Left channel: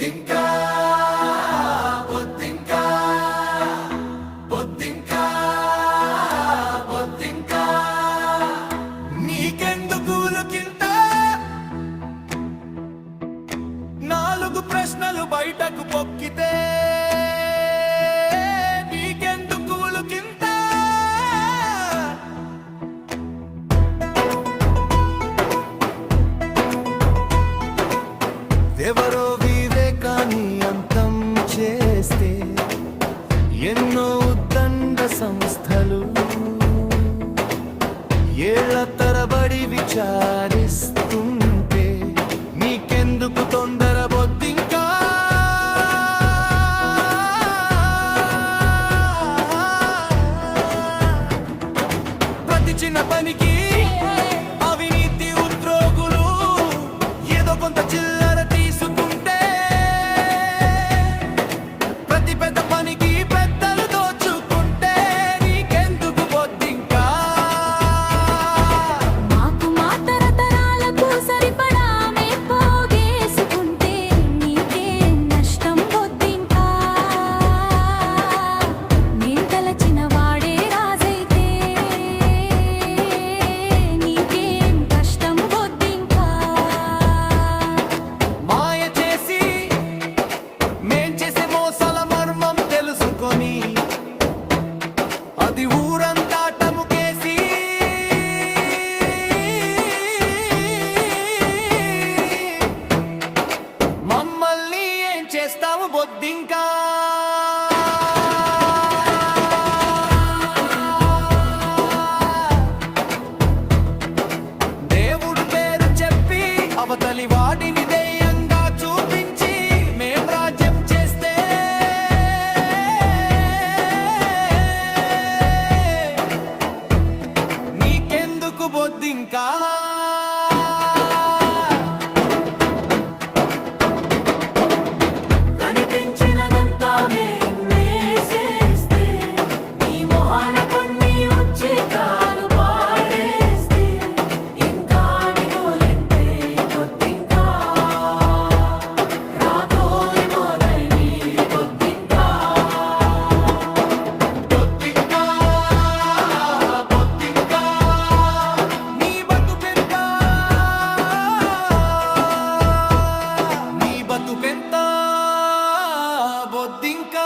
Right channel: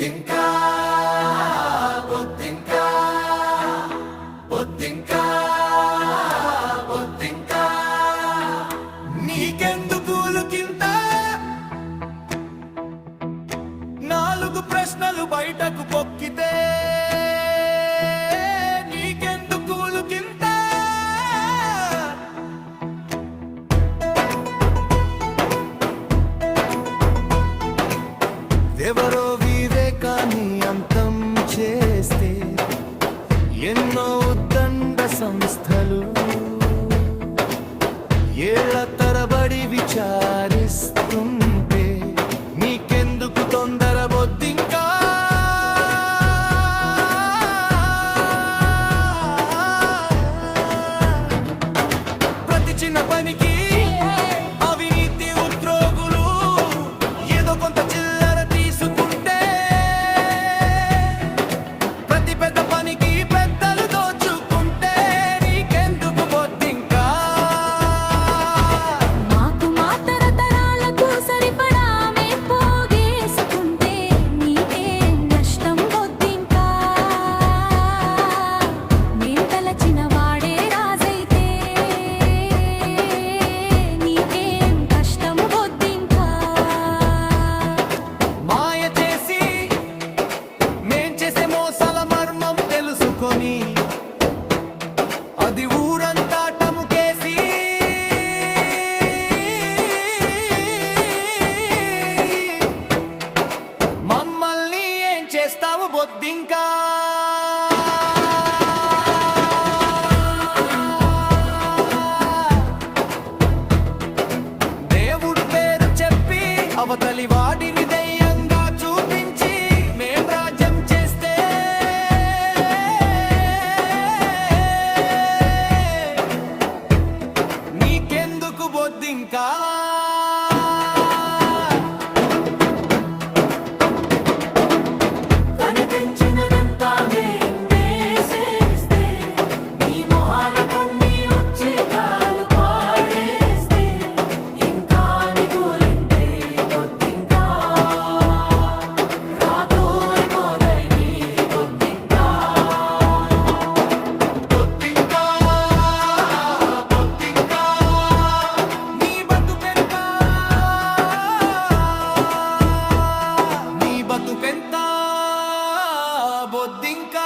బొద్దింకా బొద్దింకా బొద్దింకా బొద్దింకా నీకెందుకులకింత నాలుగు ప్రశ్నలు బయటకు పొక్కితే నీకెందుకులకింత ఎవరో వివేకాన్ని అంతం చేస్తే ఎన్నో ఉద్దండ సంస్థలు ఏళ్ల తరబడి విచారిస్తుంటే నీకెందుకు తొందర బొద్దింకా ప్రతి చిన్న పనికి అవినీతి ఉద్యోగులు ఏదో కొంత చిల్లర తీసుకుంటే ప్రతి పెద్ద పనికి పెద్దలు దోచుకుంటే నీకెందుకు బొద్దింకా మాకు మా తరతరాలకు సరిపడా మేం పోగేసుకుంటే నీకే నష్టం బొద్దింకా మేం తలచిన వాడే రాజైతే నీకేం కష్టం బొద్దింకా మాయ చేసి మేం చేసే మోసాల మర్మం తెలుసుకొని అది ఊరంతా టముకేసి మమ్మల్ని ఏం చేస్తావు బొద్దింకా దేవుడు పేరు చెప్పి అవతలి వాడిని దెయ్యంగా చూపించి మేం రాజ్యం చేస్తే నీకెందుకు బొద్దింకా కనిపించినదంతా మేం వేసేస్తే నీ మొహాన కొన్ని ఉచితాలు పాడేస్తే ఇంకా నిగోలంటే బొద్దింకా రాదోయ్ మొదలై బొద్దింకా బొద్దింకా బొద్దింకా నీ బతుకెంత నీ బతుకెంత బొద్దింకా